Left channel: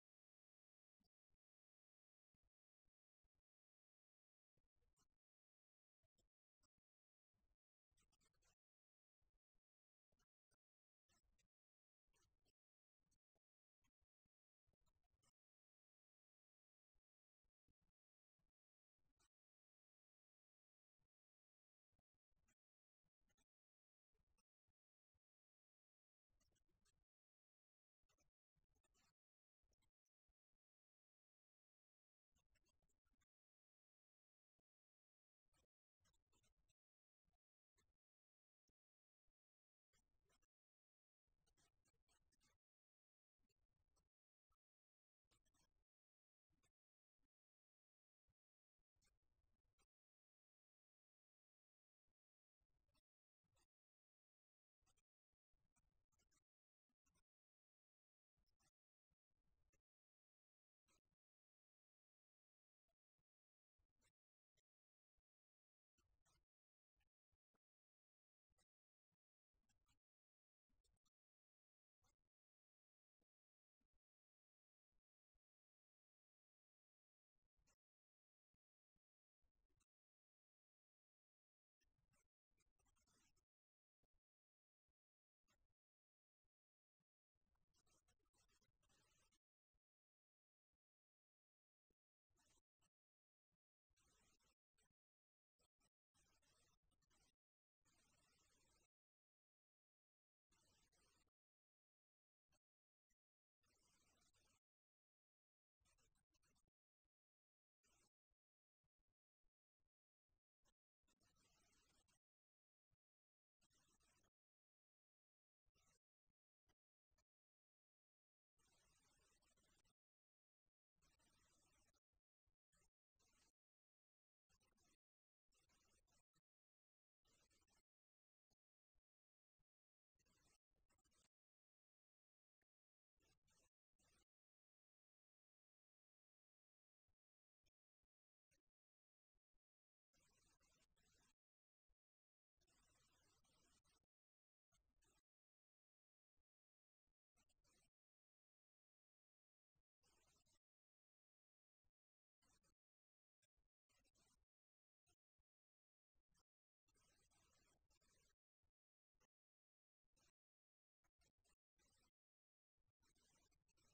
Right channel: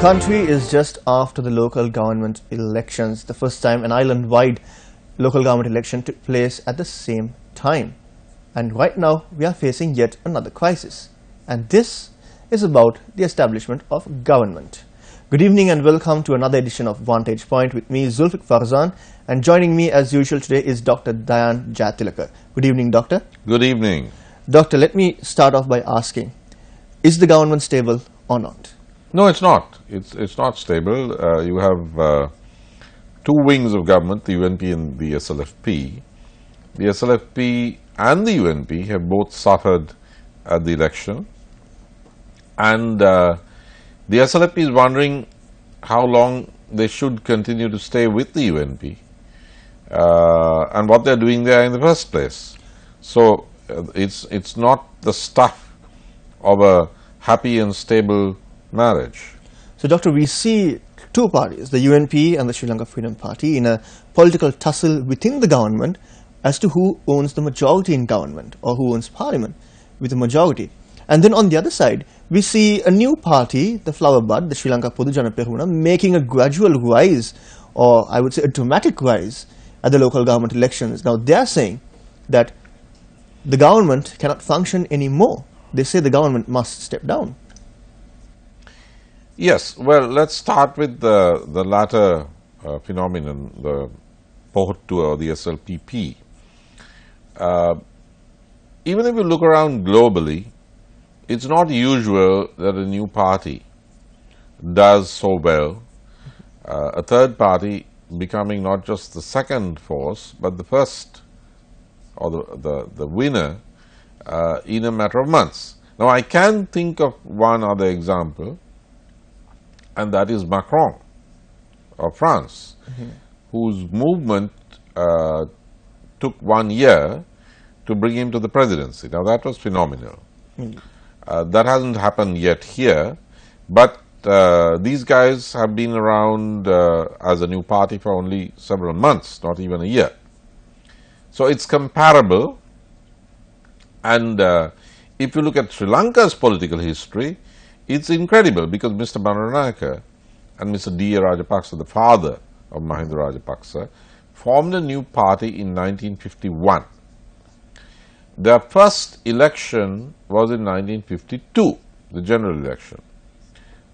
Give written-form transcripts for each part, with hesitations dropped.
country is just after the local government elections, the first time an island-wide local government election took place at the same time. And right now, we are facing yet another crisis. And this is about the establishment of government. Good evening and welcome to another edition of Vantage Point with me, Zulfiq Farzan. And joining me as usual today is Dr. Dayan Jayatilaka. Good evening, Doctor. Good evening. Doctor, let me start off by asking, is the government stable or not? No, it's not. It's not stable. You have two wings of government, the UNP and the SLFP. The SLFP and the UNP have both suffered at the election, and the SLFP is wondering how long they should continue to stay with the UNP and what they're doing there in the first place. So it's not the stuff of a happy and stable marriage. So, Doctor, we see two parties, the UNP and the Sri Lanka Freedom Party, in a political tussle within the government as to who owns the majority in government or who owns parliament with the majority. And then on the other side, we see a new party, the Flower Bud, the Sri Lanka Podujana Peruna, making a gradual rise, or I would say a dramatic rise, at the local government elections. Now, they are saying that the government cannot function anymore. They say the government must step down. Yes, well, let's start with the latter phenomenon, the Pohottua or the SLPP. Even if you look around globally, it's not usual that a new party does so well, a third party becoming not just the second force, but the first or the winner in a matter of months. Now, I can think of one other example, and that is Macron of France, whose movement took 1 year to bring him to the presidency. Now, that was phenomenal. That hasn't happened yet here, but these guys have been around as a new party for only several months, not even a year. So, it's comparable, and if you look at Sri Lanka's political history, it's incredible because Mr. Bandaranaike and Mr. D. Rajapaksa, the father of Mahinda Rajapaksa, formed a new party in 1951. Their first election was in 1952, the general election.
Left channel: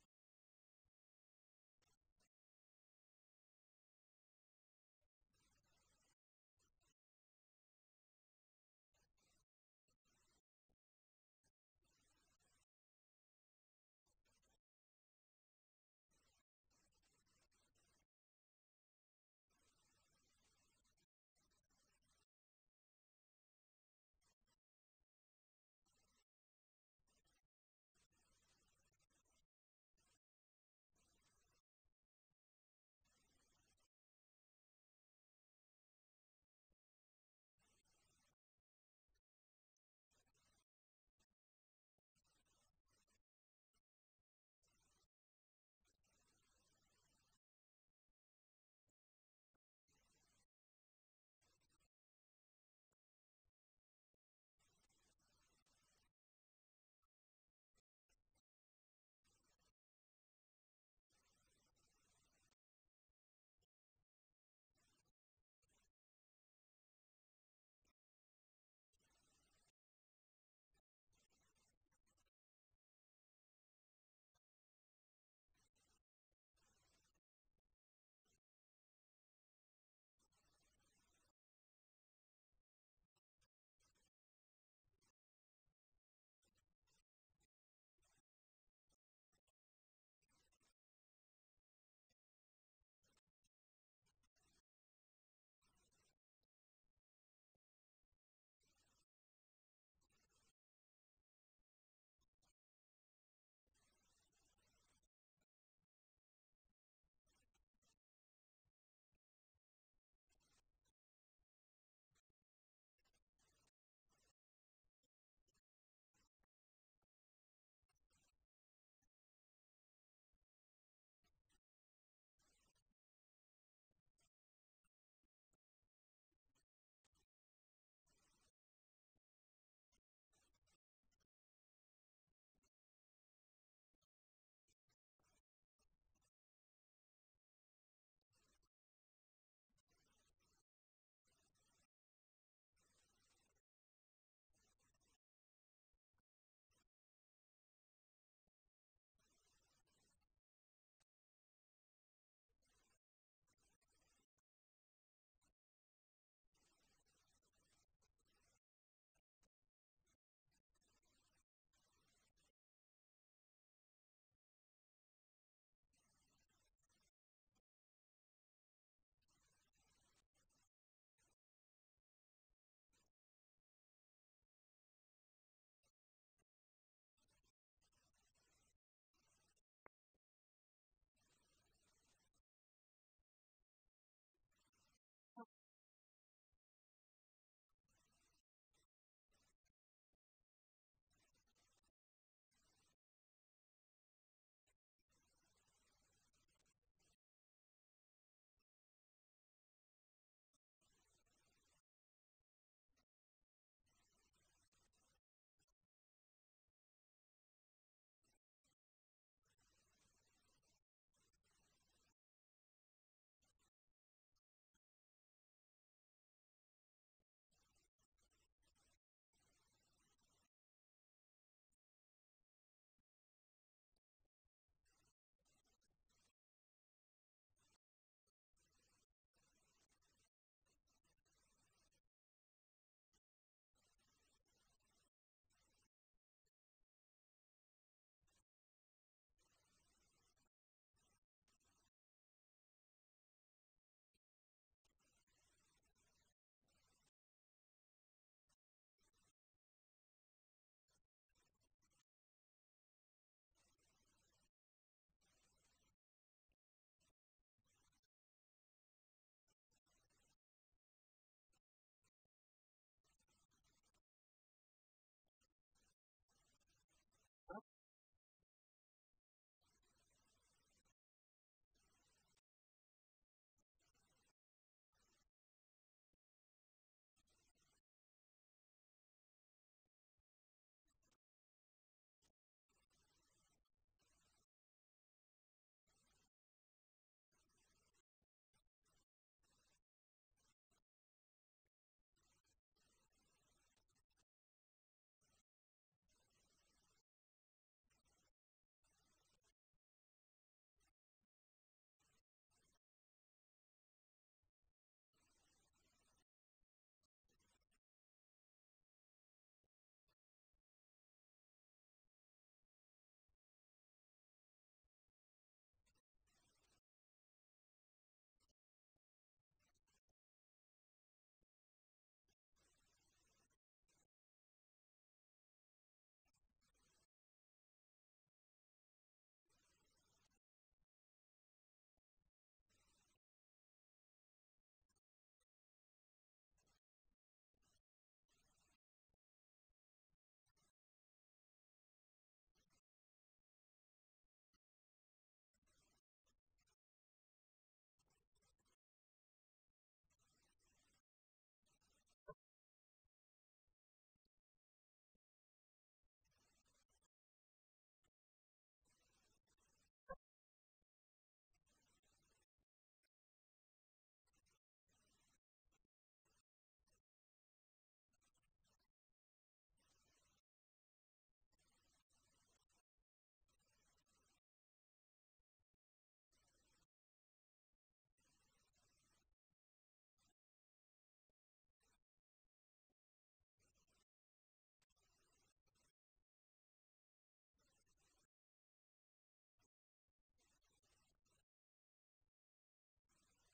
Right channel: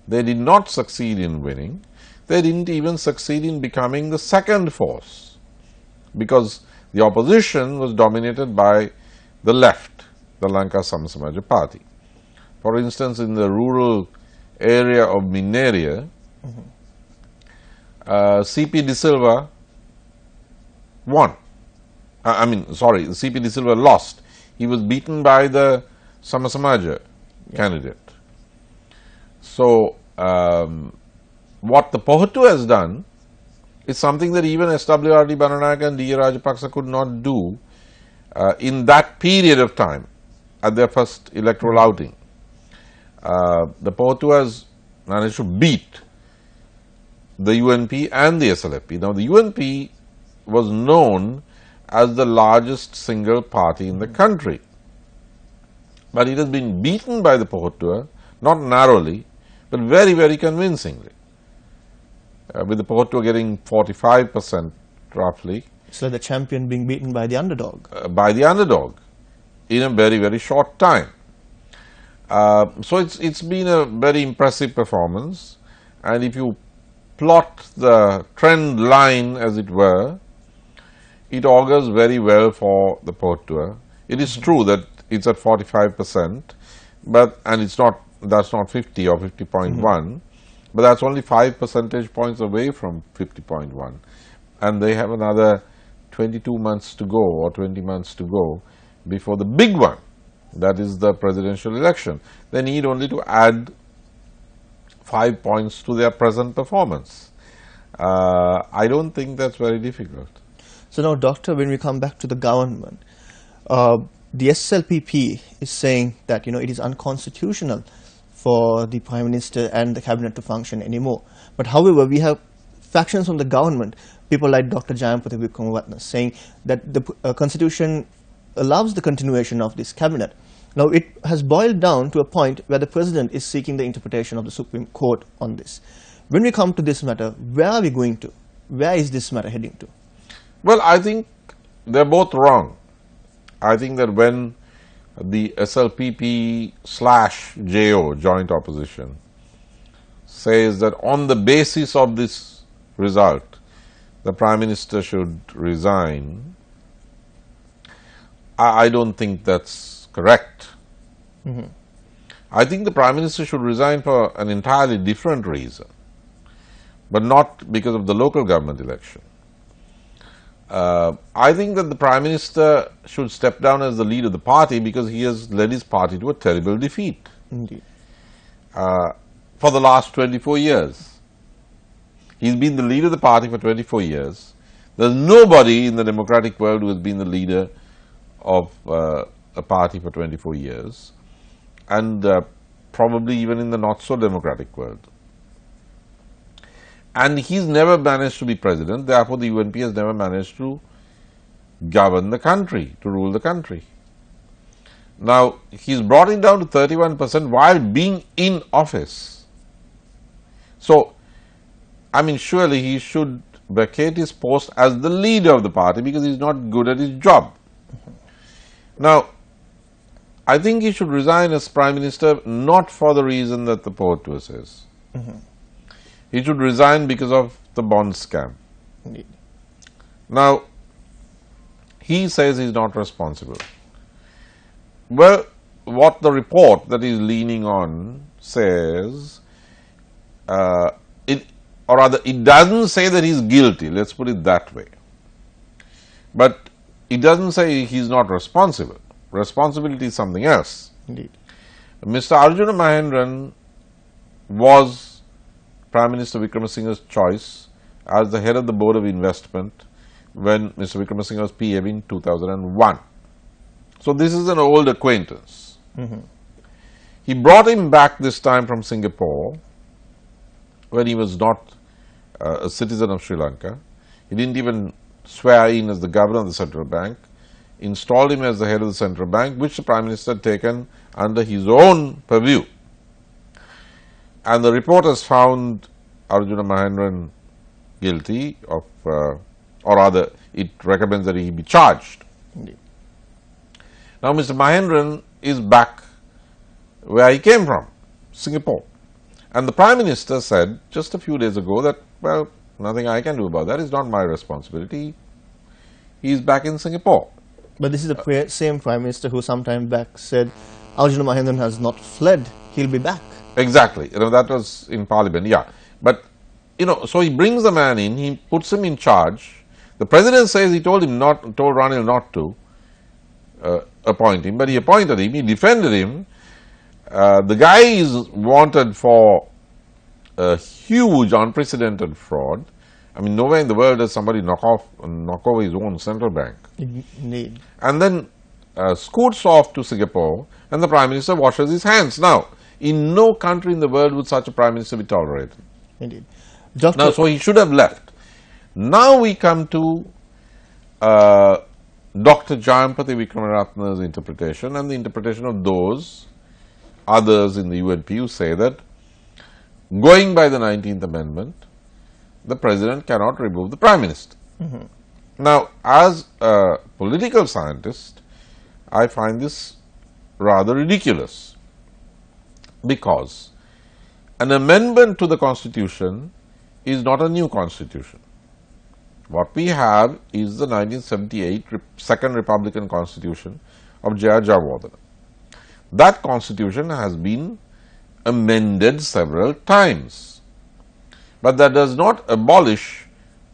They did not succeed in winning. They didn't even succeed in becoming the second force because the opposition was dominated by the left, the Lanka Samasamaja Party. For instance, in the rural area of Mineria, C.P. De Silva won. C.P. De Silva lost. He was beaten by the Samasamaja candidate. So, what the Pohottua has done is something that even S.W.R.D. Bandaranaike and D. Rajapaksa could not do in that period of time at their first electoral outing. The Pohottua has managed to beat the UNP and the SLFP. Now, the UNP was known as the largest single party in the country, but it has been beaten by the Pohottua, not narrowly, but very, very convincingly, with the Pohottua getting 45% roughly. So, the champion being beaten by the underdog. In a very, very short time. So, it's been a very impressive performance, and if you plot the trend line, as it were, it augurs very well for the Pohottua. It is true that it's at 45%, and that's not 50 or 50.1, but that's only 5 percentage points away from 50.1, and they have another 22 months to go or 20 months to go before the big one, that is the presidential election. They need only to add 5 points to their present performance. I don't think that's very difficult. So, now, Doctor, when we come back to the government, the SLPP is saying that, it is unconstitutional for the Prime Minister and the Cabinet to function anymore. But, however, we have factions from the government, people like Dr. Jayampathy Wickramaratne, saying that the Constitution allows the continuation of this Cabinet. Now, it has boiled down to a point where the President is seeking the interpretation of the Supreme Court on this. When we come to this matter, where are we going to? Where is this matter heading to? Well, I think they're both wrong. I think that when the SLPP/JO, joint opposition, says that on the basis of this result, the Prime Minister should resign, I don't think that's correct. I think the Prime Minister should resign for an entirely different reason, but not because of the local government election. I think that the Prime Minister should step down as the leader of the party because he has led his party to a terrible defeat. Indeed. For the last 24 years. He's been the leader of the party for 24 years. There's nobody in the democratic world who has been the leader of a party for 24 years, and probably even in the not-so-democratic world. And he's never managed to be president, therefore the UNP has never managed to govern the country, to rule the country. Now, he's brought it down to 31% while being in office. So, I mean, surely he should vacate his post as the leader of the party because he's not good at his job. Now, I think he should resign as Prime Minister not for the reason that the poet says. He should resign because of the bond scam. Indeed. Now, he says he's not responsible. Well, what the report that he's leaning on says, it doesn't say that he's guilty, let's put it that way. But it doesn't say he's not responsible. Responsibility is something else. Indeed. Mr. Arjuna Mahendran was Prime Minister Wickramasinghe's choice as the head of the Board of Investment when Mr. Wickramasinghe was PM in 2001. So, this is an old acquaintance. He brought him back this time from Singapore when he was not a citizen of Sri Lanka. He didn't even swear in as the governor of the central bank, installed him as the head of the central bank, which the Prime Minister had taken under his own purview. And the report has found Arjuna Mahendran guilty of, or rather, it recommends that he be charged. Indeed. Now, Mr. Mahendran is back where he came from, Singapore. And the Prime Minister said just a few days ago that, well, nothing I can do about that, it's not my responsibility. He is back in Singapore. But this is the same Prime Minister who some time back said Arjuna Mahendran has not fled, he'll be back. Exactly, that was in Parliament, yeah. But, so he brings the man in, he puts him in charge. The President says he told Ranil not to appoint him, but he appointed him, he defended him. The guy is wanted for a huge, unprecedented fraud. I mean, nowhere in the world does somebody knock over his own central bank. Indeed. And then scoots off to Singapore, and the Prime Minister washes his hands. Now, in no country in the world would such a Prime Minister be tolerated. Indeed. Now, so he should have left. Now we come to Dr. Jayampati Wickramaratne's interpretation and the interpretation of those others in the UNP who say that going by the 19th Amendment, the President cannot remove the Prime Minister. Now, as a political scientist, I find this rather ridiculous because an amendment to the Constitution is not a new Constitution. What we have is the 1978 Second Republican Constitution of J.R. Jayawardena. That Constitution has been amended several times, but that does not abolish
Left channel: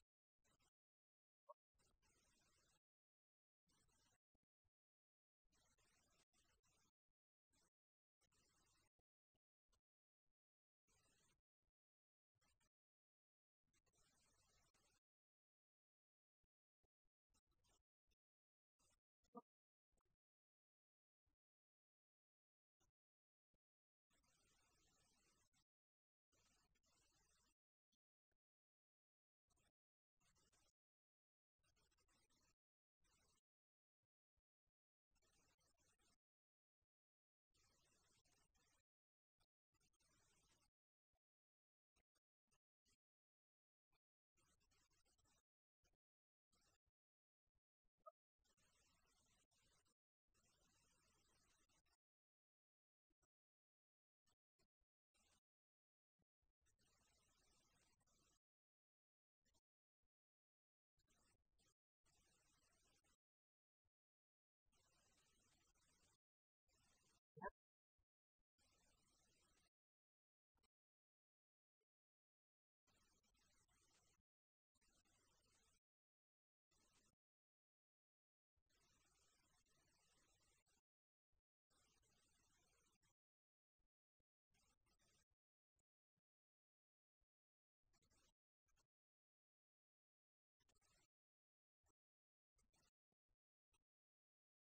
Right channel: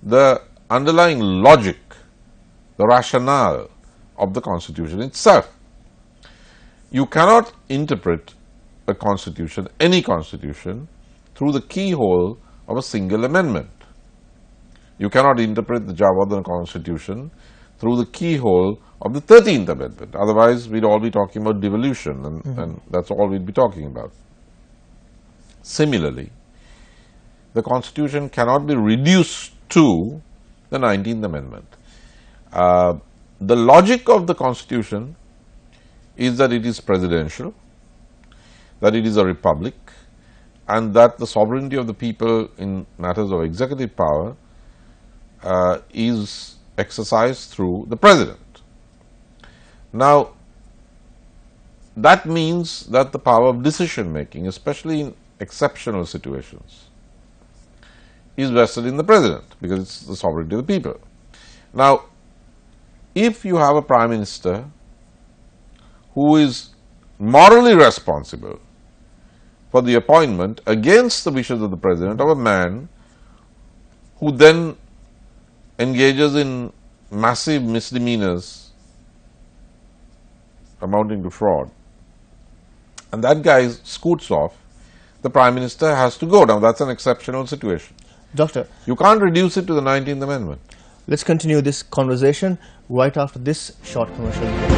the underlying logic, the rationale of the Constitution itself. You cannot interpret a Constitution, any Constitution, through the keyhole of a single amendment. You cannot interpret the Jayawardena Constitution through the keyhole of the 13th Amendment. Otherwise, we'd all be talking about devolution, and that's all we'd be talking about. Similarly, the Constitution cannot be reduced to the 19th Amendment. The logic of the Constitution is that it is presidential, that it is a republic, and that the sovereignty of the people in matters of executive power is exercised through the president. Now, that means that the power of decision making, especially in exceptional situations, is vested in the president, because it's the sovereignty of the people. Now, if you have a prime minister who is morally responsible for the appointment against the wishes of the president of a man who then engages in massive misdemeanors amounting to fraud, and that guy scoots off, the prime minister has to go. Now, that's an exceptional situation. Doctor, you can't reduce it to the 19th Amendment. Let's continue this conversation right after this short commercial break.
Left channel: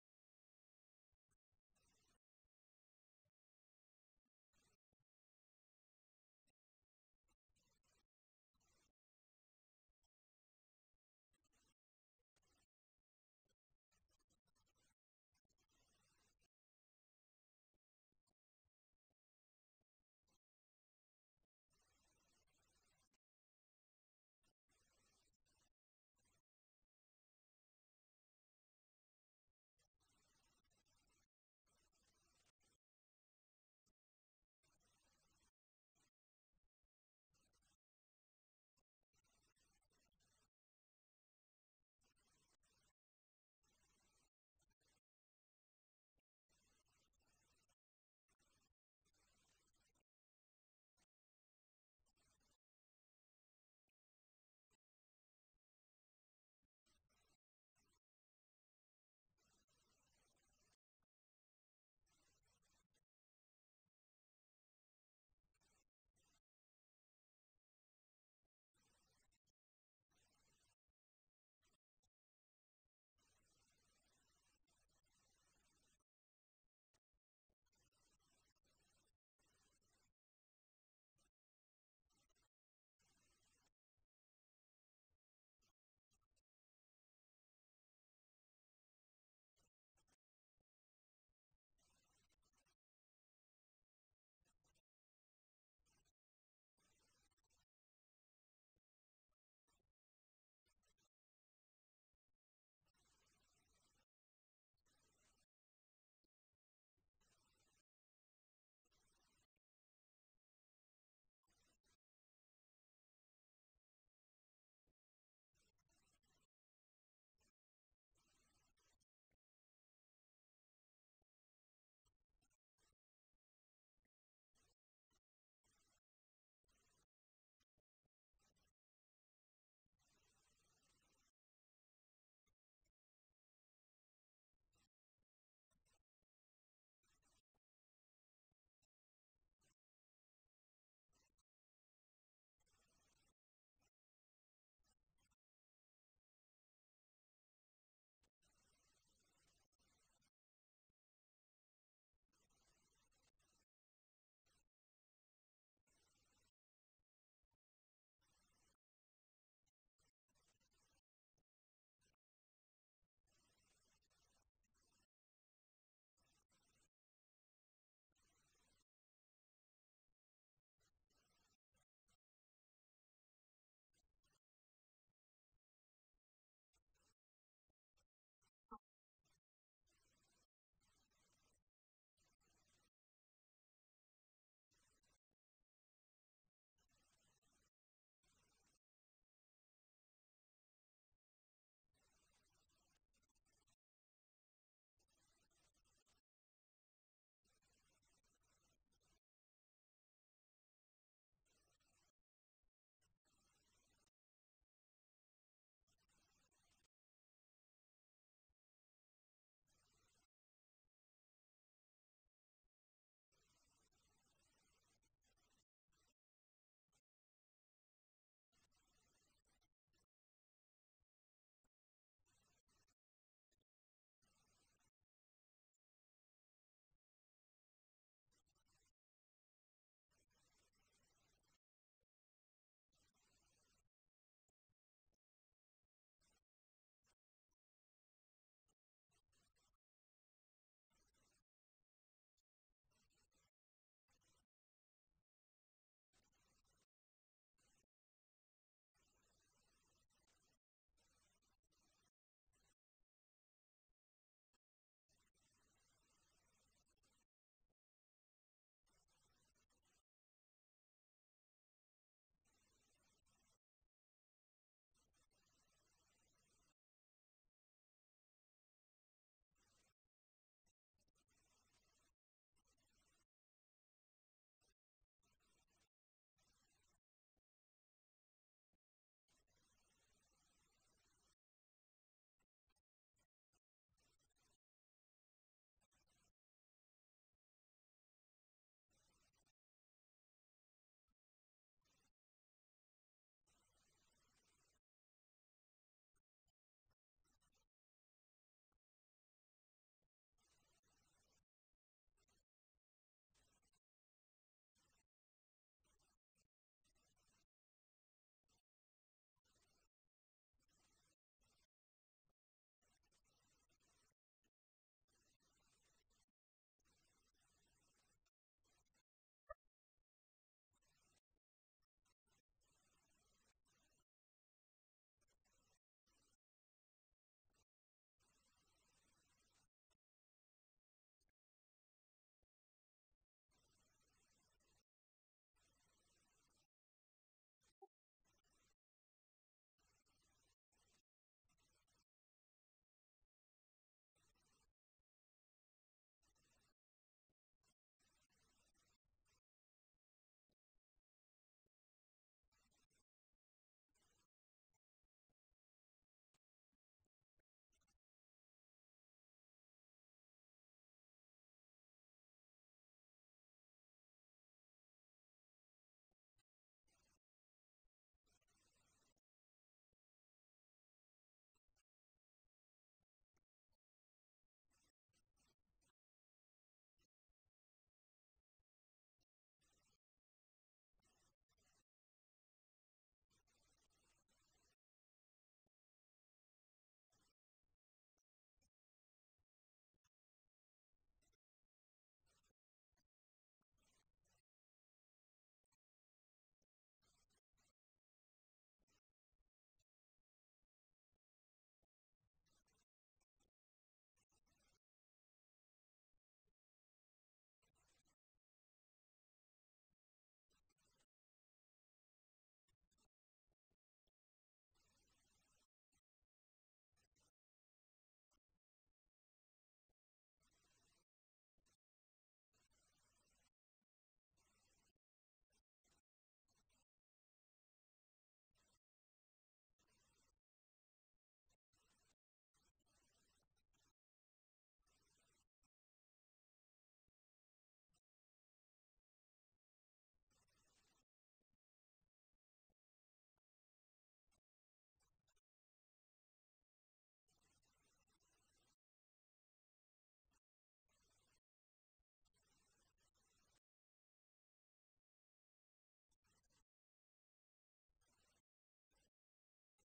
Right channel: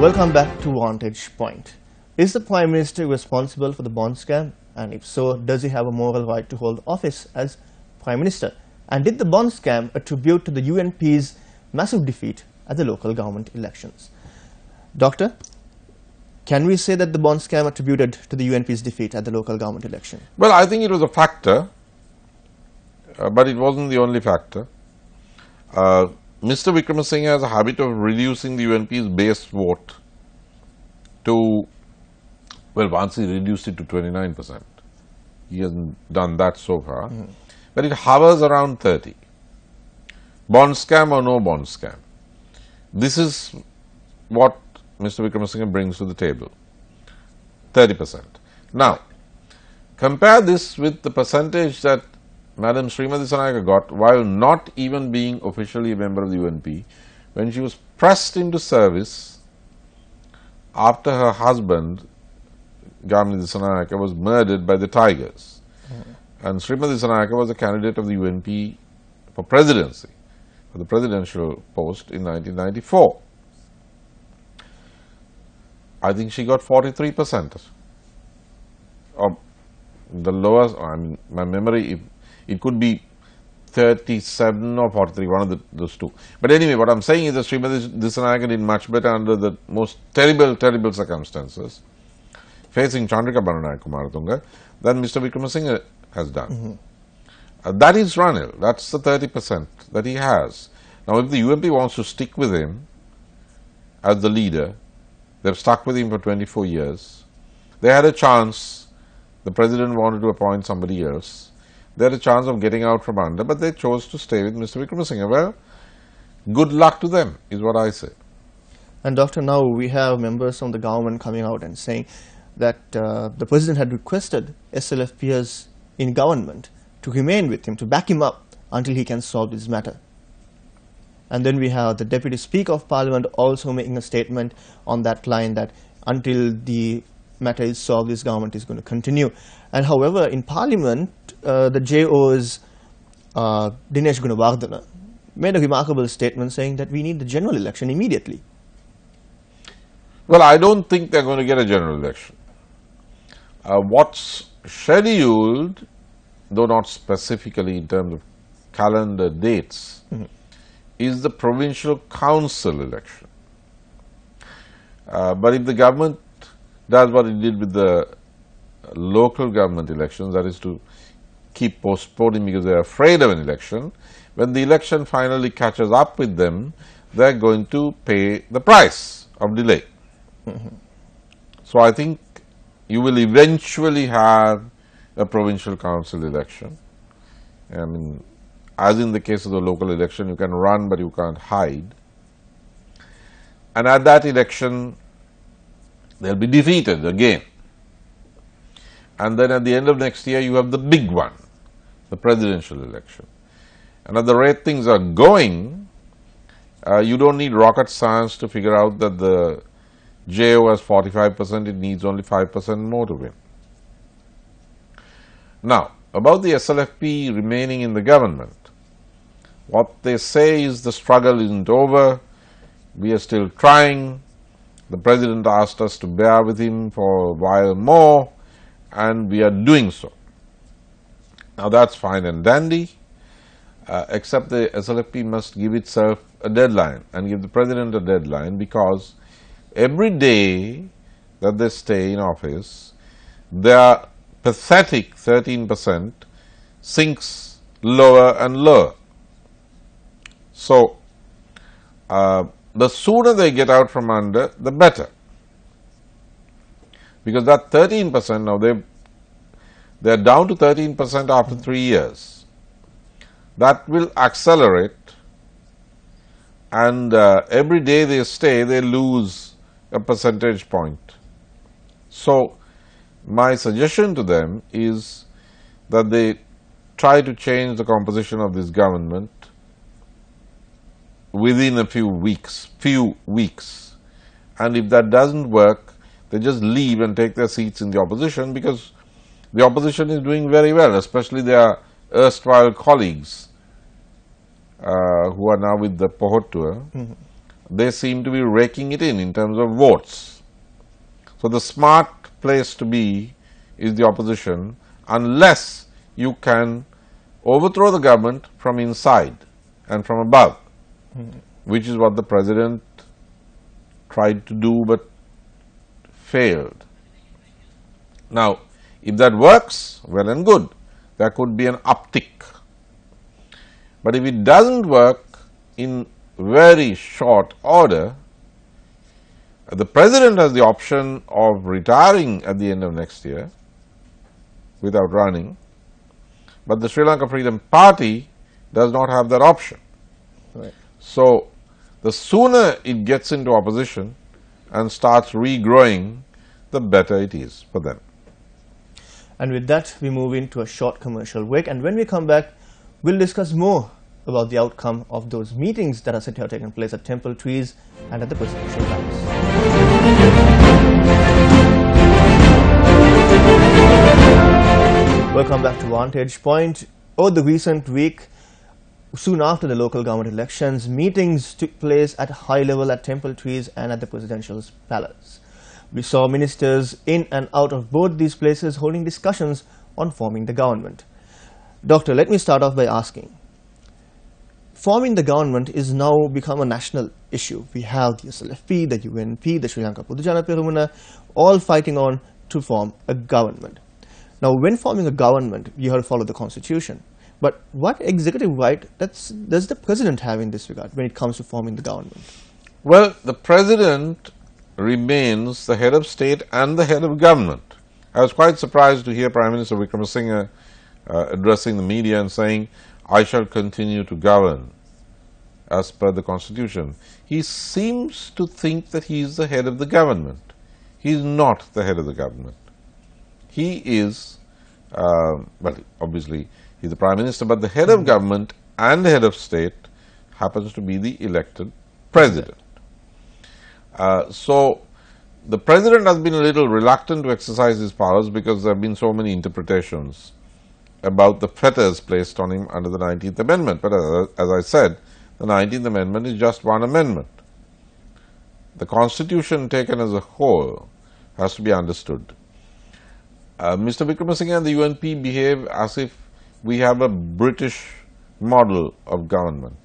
Welcome back to Vantage Point. Is the Prime Minister responsible for the bond scam? And if so, does he have a moral right to hold office as Prime Minister? And did the bond scam attribute to the UNP's massive defeat at the local government elections? Doctor, can we say that the bond scam attributed to the UNP's defeat at the local government election? Well, I think it was a factor, but it wasn't the only factor. Mr. Wickremesinghe has a habit of reducing the UNP's base vote to, well, once he reduced it to 29%. He hasn't done that so far, but it hovers around 30. Bond scam or no bond scam. This is what Mr. Wickremesinghe brings to the table, 30%. Now, compare this with the percentage that Madam Srimati Dissanayake got while not even being officially a member of the UNP, when she was pressed into service after her husband, Gamini Dissanayake, was murdered by the Tigers. And Srimati Dissanayake was a candidate of the UNP for presidency, for the presidential post in 1994. I think she got 43%. Or the lowest, I mean, my memory, it could be 37 or 43, one of those two. But anyway, what I am saying is that Srimati Dissanayake did much better under the most terrible circumstances facing Chandrika Bananayak Kumaratunga than Mr. Wickremesinghe has done. That is Ranil, that's the 30% that he has. Now, if the UNP wants to stick with him as the leader, they have stuck with him for 24 years. They had a chance, the president wanted to appoint somebody else. They had a chance of getting out from under, but they chose to stay with Mr. Wickremesinghe. Well, good luck to them, is what I say. And Doctor, now we have members from the government coming out and saying that the president had requested SLF peers in government to remain with him, to back him up until he can solve this matter. And then we have the Deputy Speaker of Parliament also making a statement on that line that until the matter is solved, this government is going to continue. And however, in Parliament, the JO's Dinesh Gunawardena made a remarkable statement saying that we need the general election immediately. Well, I don't think they're going to get a general election. What's scheduled, though not specifically in terms of calendar dates, is the provincial council election. But if the government does what it did with the local government elections, that is to keep postponing because they are afraid of an election, when the election finally catches up with them, they are going to pay the price of delay. So I think you will eventually have a provincial council election. I mean, as in the case of the local election, you can run but you can't hide. And at that election, they will be defeated again. And then at the end of next year, you have the big one, the presidential election. And at the rate things are going, you don't need rocket science to figure out that the JO has 45%, it needs only 5% more to win. Now, about the SLFP remaining in the government, what they say is the struggle isn't over, we are still trying, the president asked us to bear with him for a while more, and we are doing so. Now, that is fine and dandy, except the SLFP must give itself a deadline and give the President a deadline, because every day that they stay in office, their pathetic 13% sinks lower and lower. So, the sooner they get out from under, the better, because that 13% now they are down to 13% after 3 years. That will accelerate, and every day they stay, they lose a percentage point. So, my suggestion to them is that they try to change the composition of this government within a few weeks, and if that doesn't work, they just leave and take their seats in the opposition, because the opposition is doing very well, especially their erstwhile colleagues who are now with the Pohottua. They seem to be raking it in terms of votes. So, the smart place to be is the opposition, unless you can overthrow the government from inside and from above, which is what the President tried to do but failed. Now, if that works, well and good, there could be an uptick. But if it doesn't work in very short order, the President has the option of retiring at the end of next year without running, but the Sri Lanka Freedom Party does not have that option. Right. So, the sooner it gets into opposition and starts regrowing, the better it is for them. And with that, we move into a short commercial break, and when we come back, we'll discuss more about the outcome of those meetings that are said to have taken place at Temple Trees and at the Presidential Palace. Welcome back to Vantage Point. Over the recent week, soon after the local government elections, meetings took place at high level at Temple Trees and at the Presidential Palace. We saw ministers in and out of both these places holding discussions on forming the government. Doctor, let me start off by asking, forming the government is now become a national issue. We have the SLFP, the UNP, the Sri Lanka Pudujana Perumuna, all fighting on to form a government. Now, when forming a government, you have to follow the constitution. But what executive right does the President have in this regard when it comes to forming the government? Well, the President remains the head of state and the head of government. I was quite surprised to hear Prime Minister Wickremesinghe addressing the media and saying, I shall continue to govern as per the constitution. He seems to think that he is the head of the government. He is not the head of the government. He is, well, obviously, he is the Prime Minister, but the head of government and the head of state happens to be the elected President. So, the President has been a little reluctant to exercise his powers because there have been so many interpretations about the fetters placed on him under the 19th Amendment. But as I said, the 19th Amendment is just one amendment. The Constitution taken as a whole has to be understood. Mr. Wickremesinghe and the UNP behave as if we have a British model of government,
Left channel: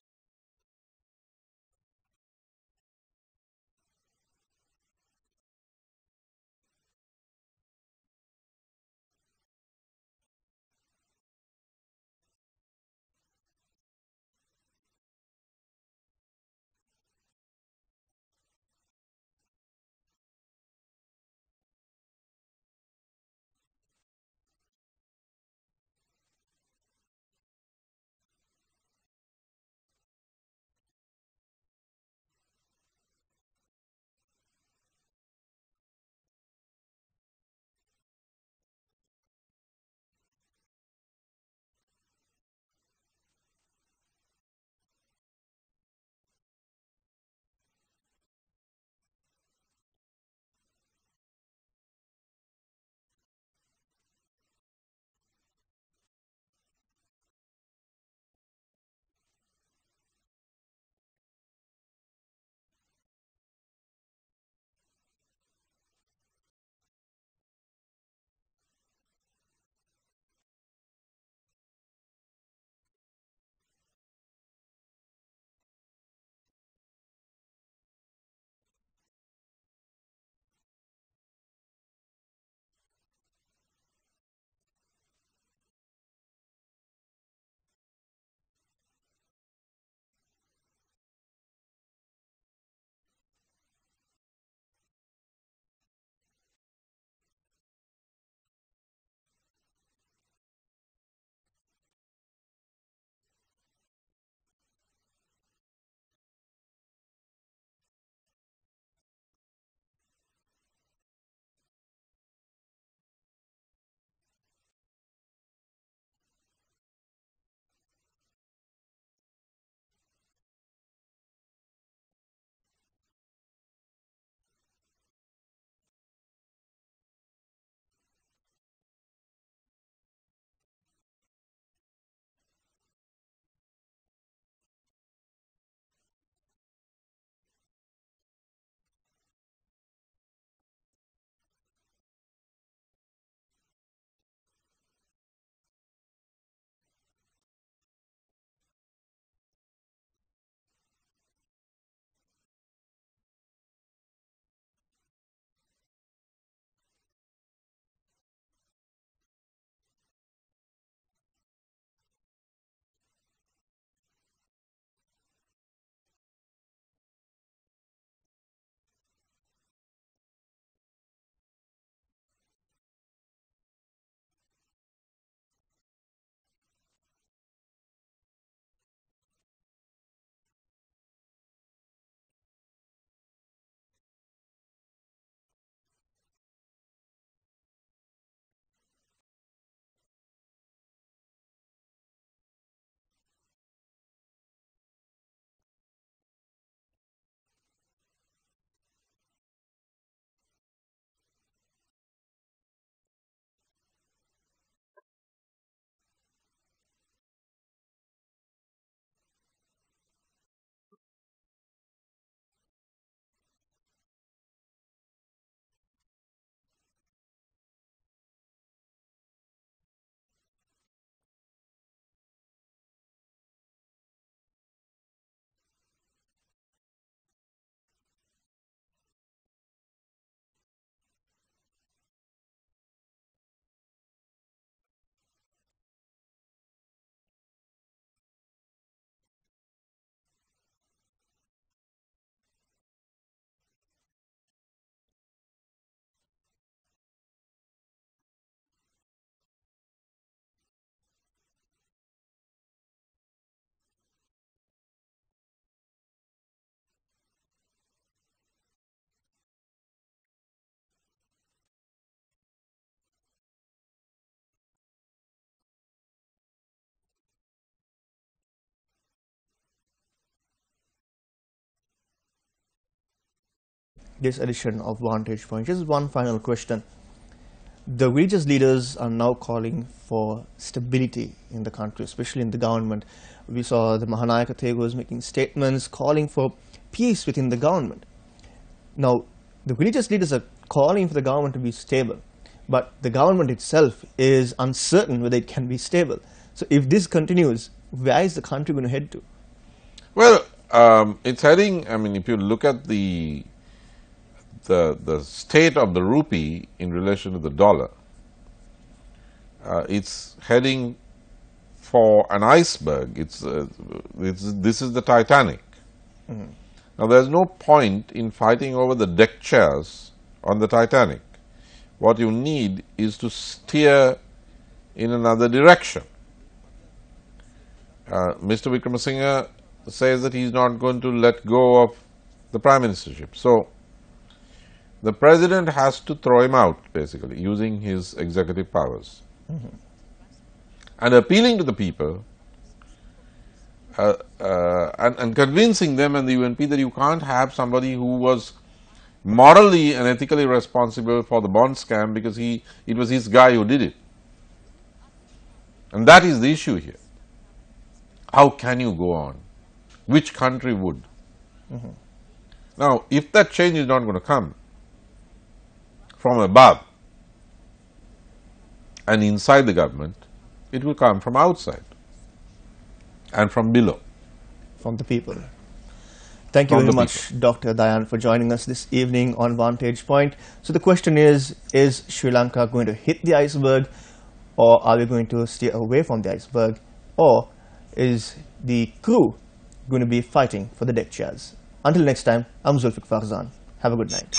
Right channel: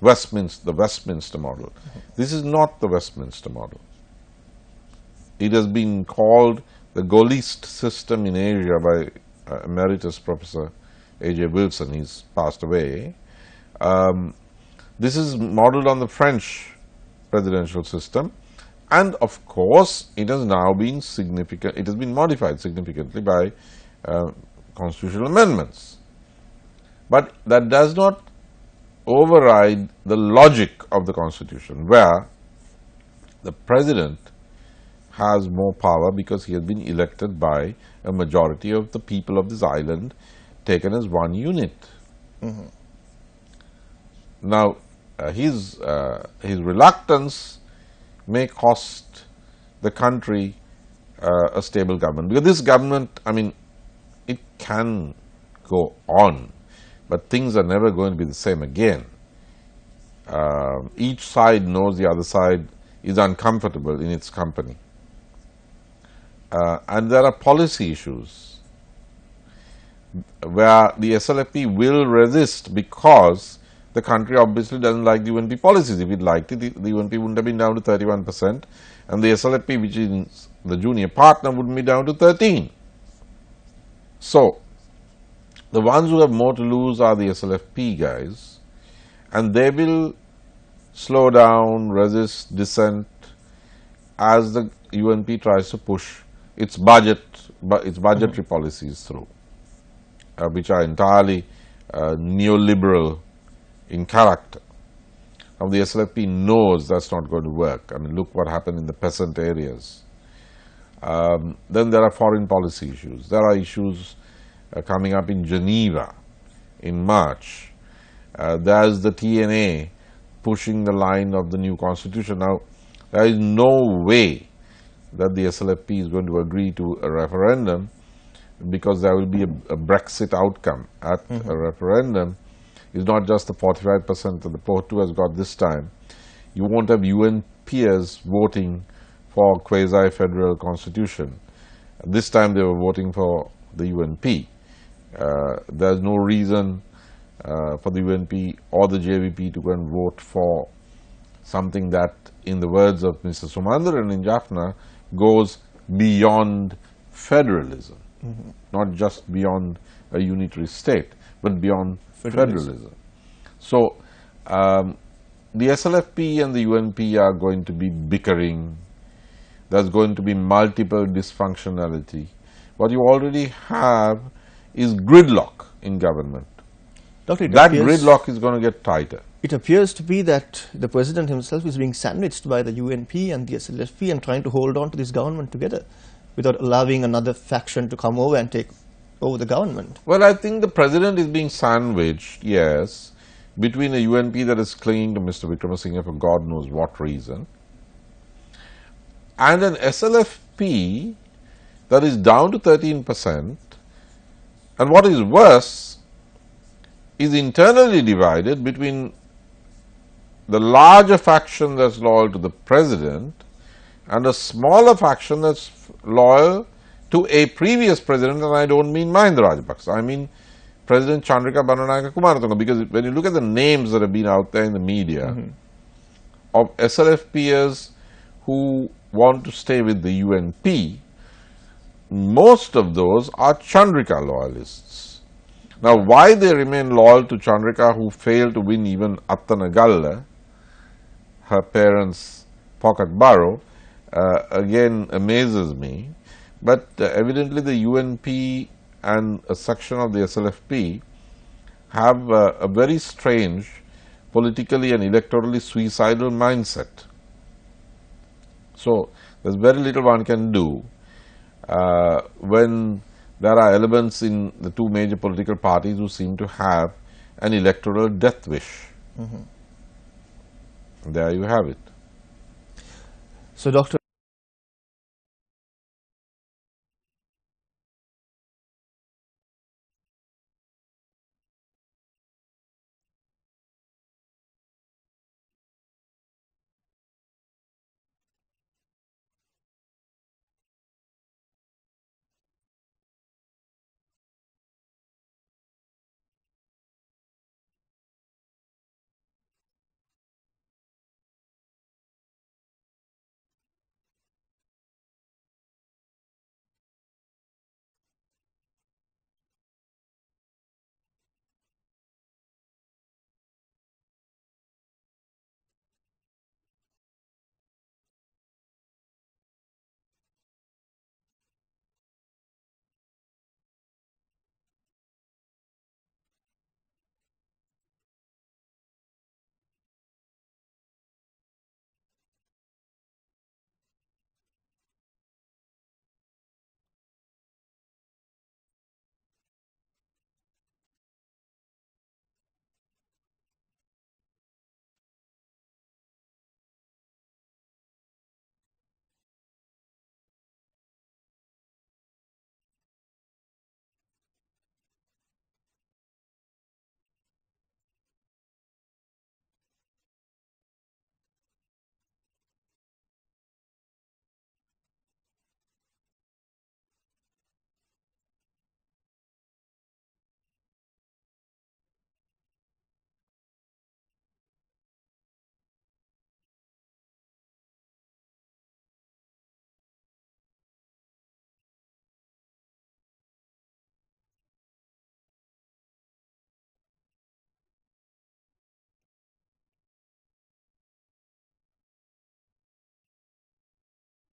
the Westminster model. This is not the Westminster model. It has been called the Gaullist system in Asia by Emeritus Professor A.J. Wilson. He's passed away. This is modeled on the French presidential system, and of course, it has now been modified significantly by constitutional amendments. But that does not override the logic of the Constitution, where the President has more power because he has been elected by a majority of the people of this island taken as one unit. Now, his reluctance may cost the country a stable government, because this government, I mean, it can go on, but things are never going to be the same again. Each side knows the other side is uncomfortable in its company. And there are policy issues. where the SLFP will resist because the country obviously doesn't like the UNP policies. If it liked it, the UNP wouldn't have been down to 31%, and the SLFP, which is the junior partner, would be down to 13%. So, the ones who have more to lose are the SLFP guys, and they will slow down, resist, dissent as the UNP tries to push its budgetary policies through, which are entirely neoliberal in character. Now, the SLFP knows that's not going to work. I mean, look what happened in the peasant areas. Then there are foreign policy issues. There are issues coming up in Geneva in March. There's the TNA pushing the line of the new constitution. Now, there is no way that the SLFP is going to agree to a referendum, because there will be a Brexit outcome at a referendum. It's not just the 45% that the Porto has got this time. You won't have UNPers voting for quasi-federal constitution. This time they were voting for the UNP. There's no reason for the UNP or the JVP to go and vote for something that, in the words of Mr. Sumandaran in Jaffna, goes beyond federalism, not just beyond a unitary state, but beyond federalism. So, the SLFP and the UNP are going to be bickering. There's going to be multiple dysfunctionality. What you already have is gridlock in government. Doctor, that gridlock is going to get tighter. It appears to be that the President himself is being sandwiched by the UNP and the SLFP and trying to hold on to this government together without allowing another faction to come over and take over the government. Well, I think the President is being sandwiched, yes, between a UNP that is clinging to Mr. Wickremesinghe for God knows what reason, and an SLFP that is down to 13%, and what is worse, is internally divided between the larger faction that's loyal to the President and a smaller faction that's loyal to a previous President, and I don't mean Mahinda Rajapaksa, I mean President Chandrika Bandanayake Kumaratunga, because when you look at the names that have been out there in the media of SLFPers who want to stay with the UNP, most of those are Chandrika loyalists. Now, why they remain loyal to Chandrika, who failed to win even Attanagalla, her parents' pocket borough, again amazes me. But evidently the UNP and a section of the SLFP have a very strange politically and electorally suicidal mindset. So, there's very little one can do when there are elements in the two major political parties who seem to have an electoral death wish. There you have it. So, Doctor, this edition of Vantage Point, just one final question. The religious leaders are now calling for stability in the country, especially in the government. We saw the Mahanayaka Thegos making statements calling for peace within the government. Now, the religious leaders are calling for the government to be stable, but the government itself is uncertain whether it can be stable. So, if this continues, where is the country going to head to? Well, it's heading, I mean, if you look at the state of the rupee in relation to the dollar, it's heading for an iceberg. This is the Titanic. Now, there's no point in fighting over the deck chairs on the Titanic. What you need is to steer in another direction. Mr. Wickremesinghe says that he's not going to let go of the prime ministership. So, the President has to throw him out, basically, using his executive powers. And appealing to the people and convincing them and the UNP that you can't have somebody who was morally and ethically responsible for the bond scam because it was his guy who did it. And that is the issue here. How can you go on? Which country would? Now, if that change is not going to come from above, and inside the government, it will come from outside and from below. From the people. Thank you very much, Dr. Dayan, for joining us this evening on Vantage Point. So the question is Sri Lanka going to hit the iceberg, or are we going to steer away from the iceberg, or is the crew going to be fighting for the deck chairs? Until next time, I'm Zulfiq Farzan. Have a good night.